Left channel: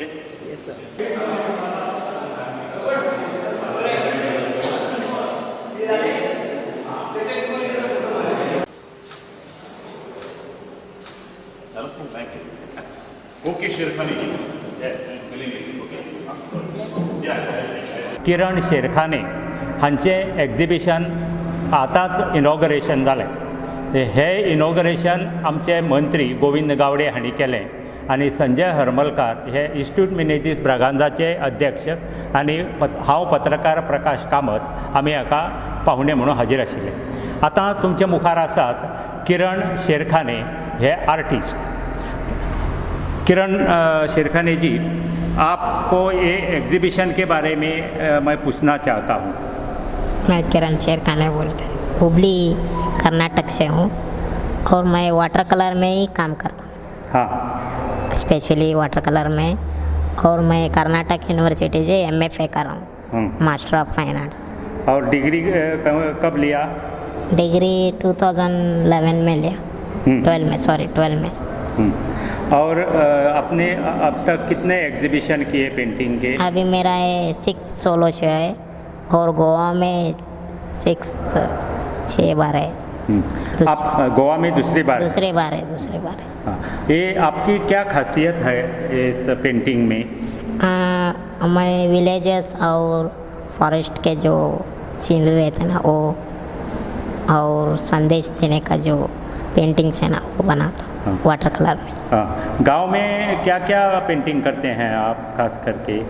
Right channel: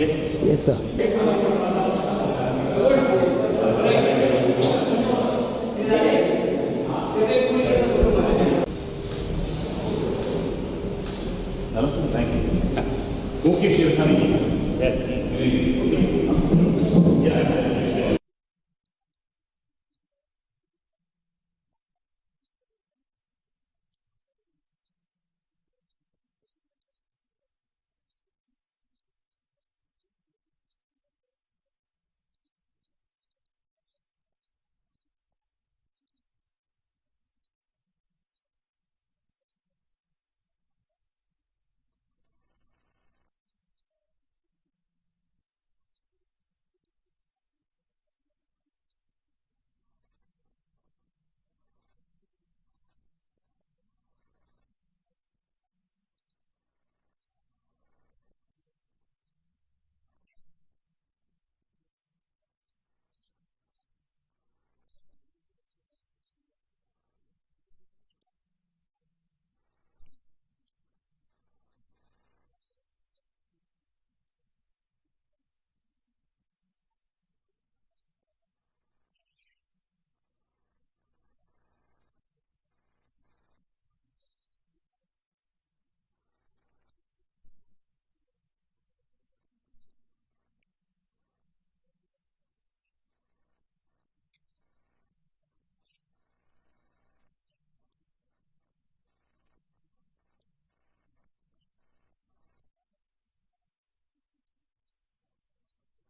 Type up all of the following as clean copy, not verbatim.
Yes sir. Okay Sherkhani किरण शेरखाने हांचें exhibition आतांच inauguration जालें. हे इनॉग्रेशन आमचे मंत्री गोविंद गावडे हांणी केलें आनी संजय हरमलकार हे इन्स्टिट्यूट मिनेजीस ब्रागांजाचे अध्यक्ष आनी हांव पत्रकार प्रकाश कामत आमी हाका पाहुणे म्हणून हाजीर आशिल्ले. आतां तुमचे मुखार आसात किरण शेरखाने हे आर्टिस्ट. किरण शेरखाने जी, आपको ये एग्जीबिशन के बारे में मैं पूछना चाहता हूँ. मैं किरण शेरखाने बोलकर हुबली कर्नाटक से हूँ और मैं वाटर कलर में ही काम करता हूँ. हाँ, स्पेशली वाटर कलर में. और मैं कर्नाटक यूनिवर्सिटी से MFA कर रहा हूँ, मास्टर ऑफ फाइन आर्ट्स. और डिग्री कब लिया? डिग्री 2011 में लिया. 12 में. और आपने अब तक कितने एग्जीबिशन किए पेंटिंग के? अभी मेरा 6 सोलो शो है और गोवा में 6 बार है. आप गोवा में दूसरी बार? दूसरी बार है. हाँ. ये आपकी क्या खासियत है इस पेंटिंग में? मैं विलेजेस और फॉरेस्ट के जो सीनरी रहते हैं ना वो और संदेश देने का जो पेंटिंग्स है ना वो बनाता हूँ. हाँ. वाटर कलर में. हाँ. गांव में क्या क्या पेंटिंग करते हैं आप खास करके?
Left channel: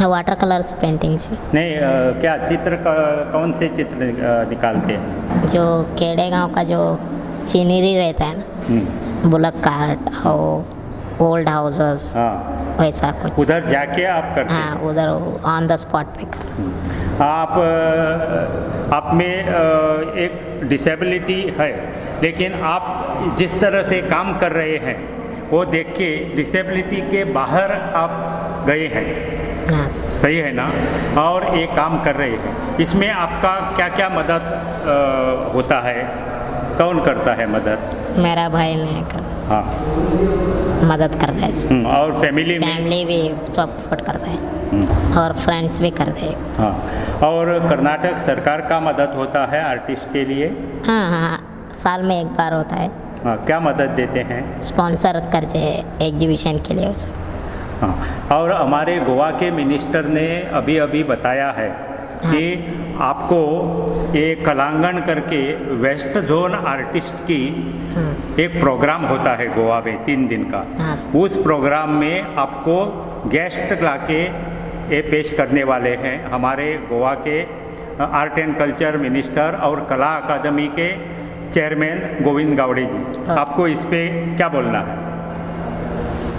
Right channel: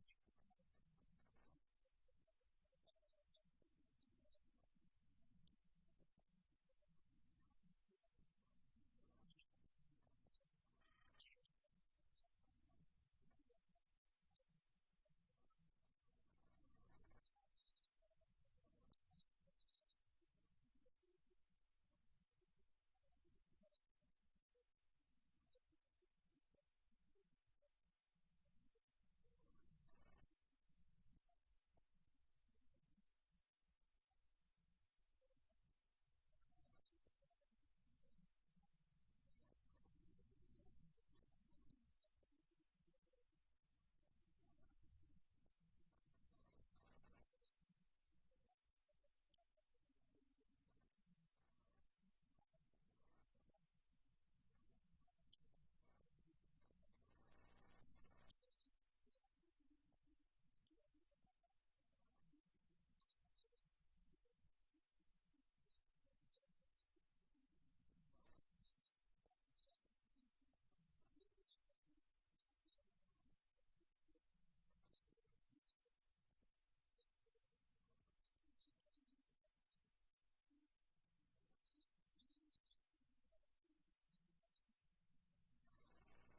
वाटर कलर्स पेंटिंग से नहीं, क्या चित्र कौन से चित्र निकालते हैं? जो खेड़े गांव का जो सीनरी रहता है ना, बुलक कार्ट और ओल्ड हाउसेस, हाँ, वैसा कुछ उधर जाके आप करते हैं? हाँ, उधर ऑन द स्पॉट पे करते. आप में एक डिसेबिलिटी है, लेकिन आप जिस तरह से काम कर रहे हैं वो देख के डिसेबिलिटी के बाहर आप गए हैं. हाँ. सही है ना? और ये काम कर रहे हैं. इसमें आपका क्या क्या मदद होता है? कौन करता है मदद? मेरा भाई ने हाँ. मदद करता है. और फैमिली भी सपोर्ट करता है और फ्रेंड्स भी करते हैं. हाँ. और कर्नाटक सरकार का मदद होता है आर्टिस्ट के लिए? हाँ, साल में 1 बार होता है. हाँ. क्या मदद देते हैं? स्पॉन्सर करते हैं एग्जीबिशन के लिए उसे. हाँ. और हमारे गोवा के मिनिस्टर ने अभी अभी बताया है कि आपको ये कलांगण करके वेस्ट जोन आर्टिस्ट की एक प्रोग्राम होता है गोवा में 3 दिन का. उस प्रोग्राम में आपको गेस्ट लाके ये पेश करने वाले हैं हमारे गोवा के आर्ट एंड कल्चर मिनिस्टर और कला अकादमी के चेयरमैन गोविंद गावड़े जी. आपको इस पे क्या बोलना है?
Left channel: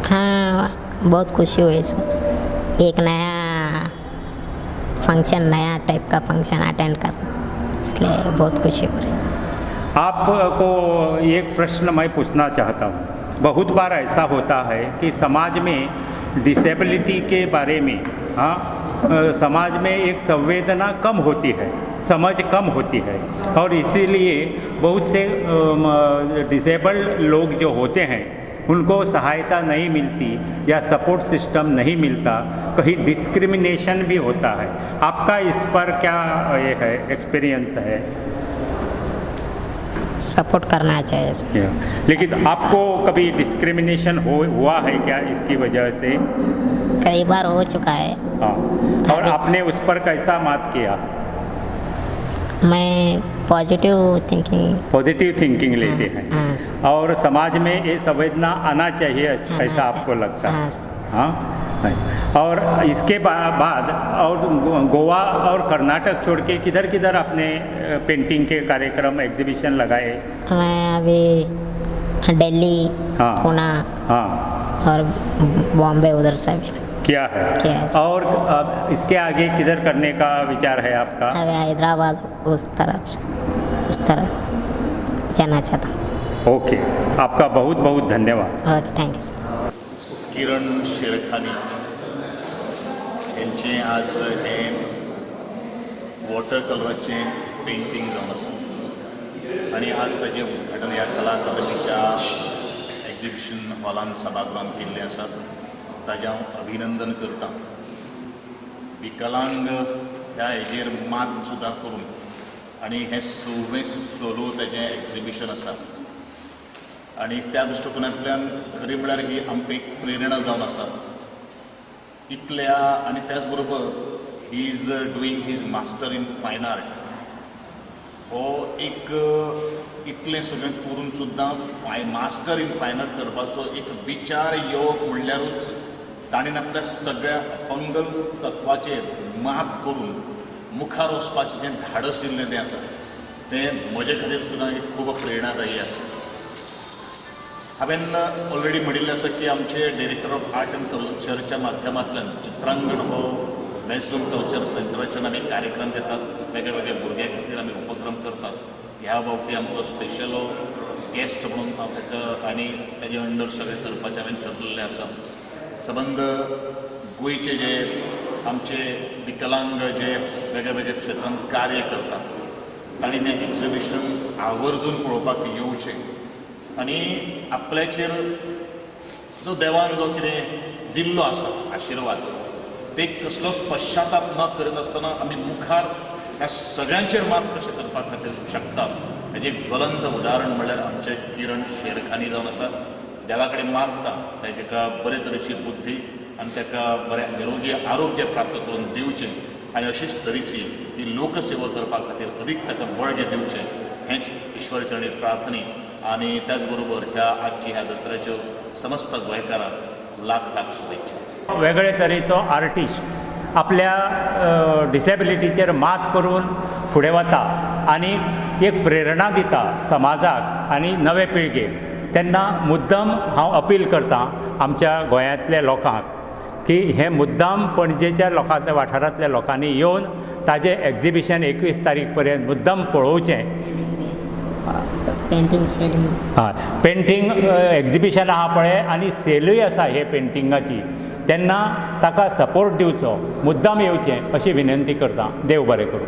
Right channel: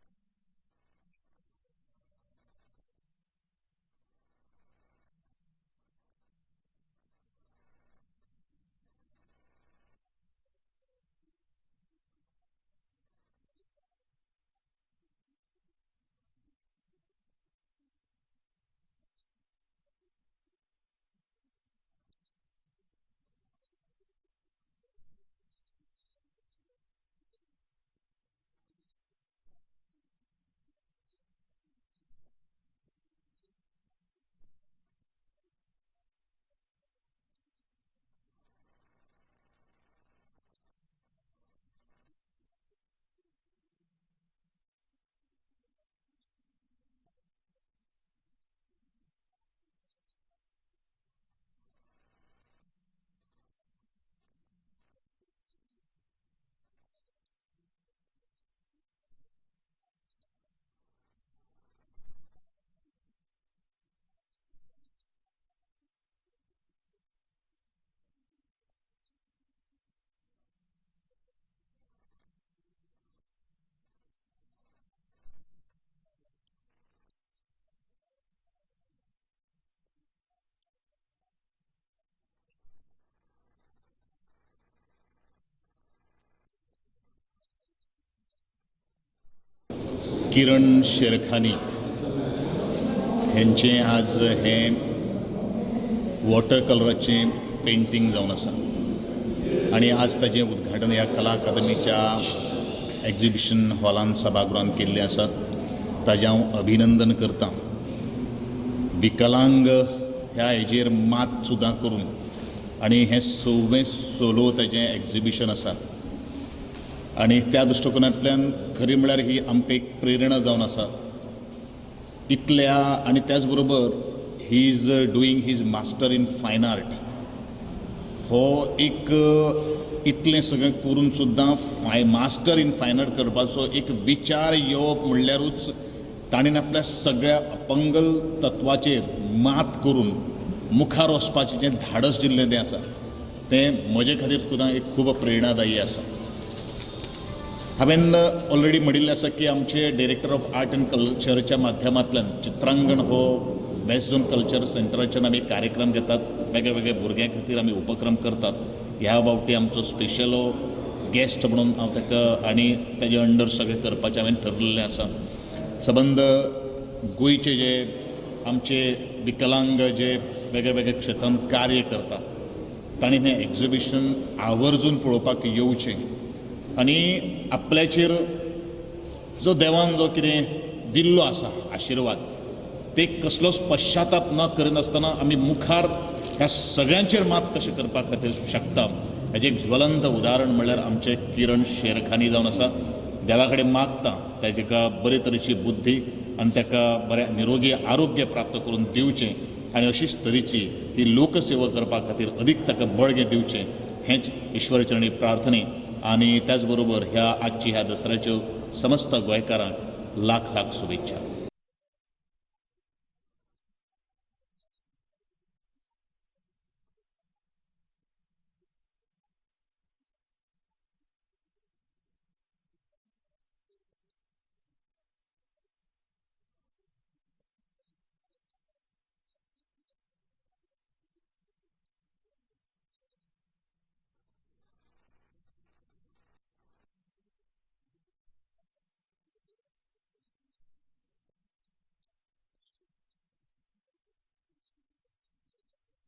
हाँ, बहुत खुशी हुई सर. एक नया फंक्शन, नया टाइप का फंक्शन अटेंड कर, इसलिए बहुत खुशी हो रही. आपको एक प्रश्न मैं पूछना चाहता हूँ. बहुत बार ऐसा होता है कि समाज में डिसेबिलिटी के बारे में समाज में एक संवेदना कम होती है, समझ कम होती है, और इसीलिए बहुत से डिसेबल्ड लोग जो होते हैं उनको सहायता नहीं मिलती या सपोर्ट सिस्टम नहीं मिलता. कहीं डिस्क्रिमिनेशन भी होता है. आपका इस पर क्या ये है, एक्सपीरियंस है? सपोर्ट करना चाहिए. लेकिन आपको कभी डिस्क्रिमिनेशन हुआ है क्या इसकी वजह से? कई बार हो चुका है. हाँ. और आपने उस पर कैसा मात किया? मैं पॉजिटिव थिंकिंग लेते हैं. और समाज में ये संवेदना आना चाहिए, ऐसा आपको लगता है? हाँ. और इसके बाद और गोवा और कर्नाटक छोड़ के किधर किधर आपने पेंटिंग के कार्यक्रम एग्जीबिशन लगाए? मैं अभी दिल्ली, हाँ, पुणे, हाँ, और बॉम्बे उधर से भी किया है. और अब इसके आगे किधर करने का विचार है आपका? अभी हैदराबाद उस तरफ जाना चाहता हूँ. ओके. आपका बहुत बहुत धन्यवाद. Okay, thank you sir. Kiran Sherkhani यांचे आज हे वॉटर कलराचे पेंटिंग जावन आसा आणि आज ताजें उद्घाटन ह्या कला अकादमीच्या एग्जिबिशन हॉलान सभागृहांत केल्लें आसात. ताजें हांव अभिनंदन करतां. विकलांग ह्या हेजेर मात सुद्दां करून आनी हें 6वें ताजें एग्जिबिशन आसा आनी त्या दृश्टिकोनांतल्यान खरी म्हळ्यार ही आमकां एक प्रेरणा जावन आसा. इतल्या आनी त्याच बरोबर he is doing his master in fine art. हो एक इतलें सगळें करून सुद्दां मास्टर इन फायन आर्ट करपाचो एक विचार येवप म्हणल्यारूच ताणें आपल्या सगळ्या अपंगल तत्वाचेर मात करून मुखार वचपाचें जें धाडस दिल्लें तें आसा तें म्हजे खातीर सुद्दां एक खूब प्रेरणादायी आसा. हांवें ऑलरेडी म्हणिल्लें आसा की आमचे डायरेक्टर ऑफ आर्ट एंड कल्चरच्या माध्यमांतल्यान चित्रांगण हो बेस्ट झोन कल्चर सेंटराच्यान आमी कार्यक्रम घेतात. वेगळे वेगळे भुरग्यां खातीर आमी उपक्रम करतात. ह्या बाबतींत आमचो स्पेशल गेस्ट म्हणून हांव ताका आनी तेजे अंडर सगळें करपाचें हांवें ठरलेलें आसा. सबंद गोंयचे जे आमचे विकलांग जे वेगळ्या वेगळ्या क्षेत्रांत कार्य करतात तांणी तें एग्जिबिशन आवर्जून पळोवपाक येवचें आनी आपल्याचेर जो देवान जो कितें दिल्लो आसा आशिर्वाद ते कसलोच पश्चाताप न करिनासतना आमी मुखार ह्या सगळ्यांचेर मात कशें करपा खातीर शकता हेजें एक ज्वलंत उदाहरण म्हणल्यार आमचे किरण शेरखानी जावन आसात. देवा कडेन मागता ताका बरे तरेची बुद्धी आनी ताका बरें निरोगी आरोग्य प्राप्त करून दिवचें आनी अशीच तरेची ही लोकसेवा करपा खातीर अदीक ताका बळगें दिवचें हेंच ईश्वर चरणी प्रार्थने. आनी त्याच बरोबर ह्या आजची ह्या दसऱ्याच्यो समस्त गोंयकारांक लाख लाख शुभेच्छा. वेगळे तरेचो आर्टिस्ट आपल्या डिसेबिलिटीचेर मात करून फुडें वता आनी एक प्रेरणा दिता समाजाक आनी नवे पिळगेक. तेन्ना मुद्दम हांव अपील करतां आमच्या गोंयांतल्या लोकांक की हे मुद्दाम पणजेच्या लोकांतल्या वाठारांतल्या लोकांनी येवन ताजें एग्जिबिशन 21 तारीख पर्यंत मुद्दम पळोवचें. पेंटिंग सेलिंग हय पेंटींग एग्जिबिशन आहा पळय आनी सेलूय आसा हे पेंटिंगाची तेन्ना ताका सपोर्ट दिवचो मुद्दाम येवचें अशी विनंती करतां. देव बरें करूं.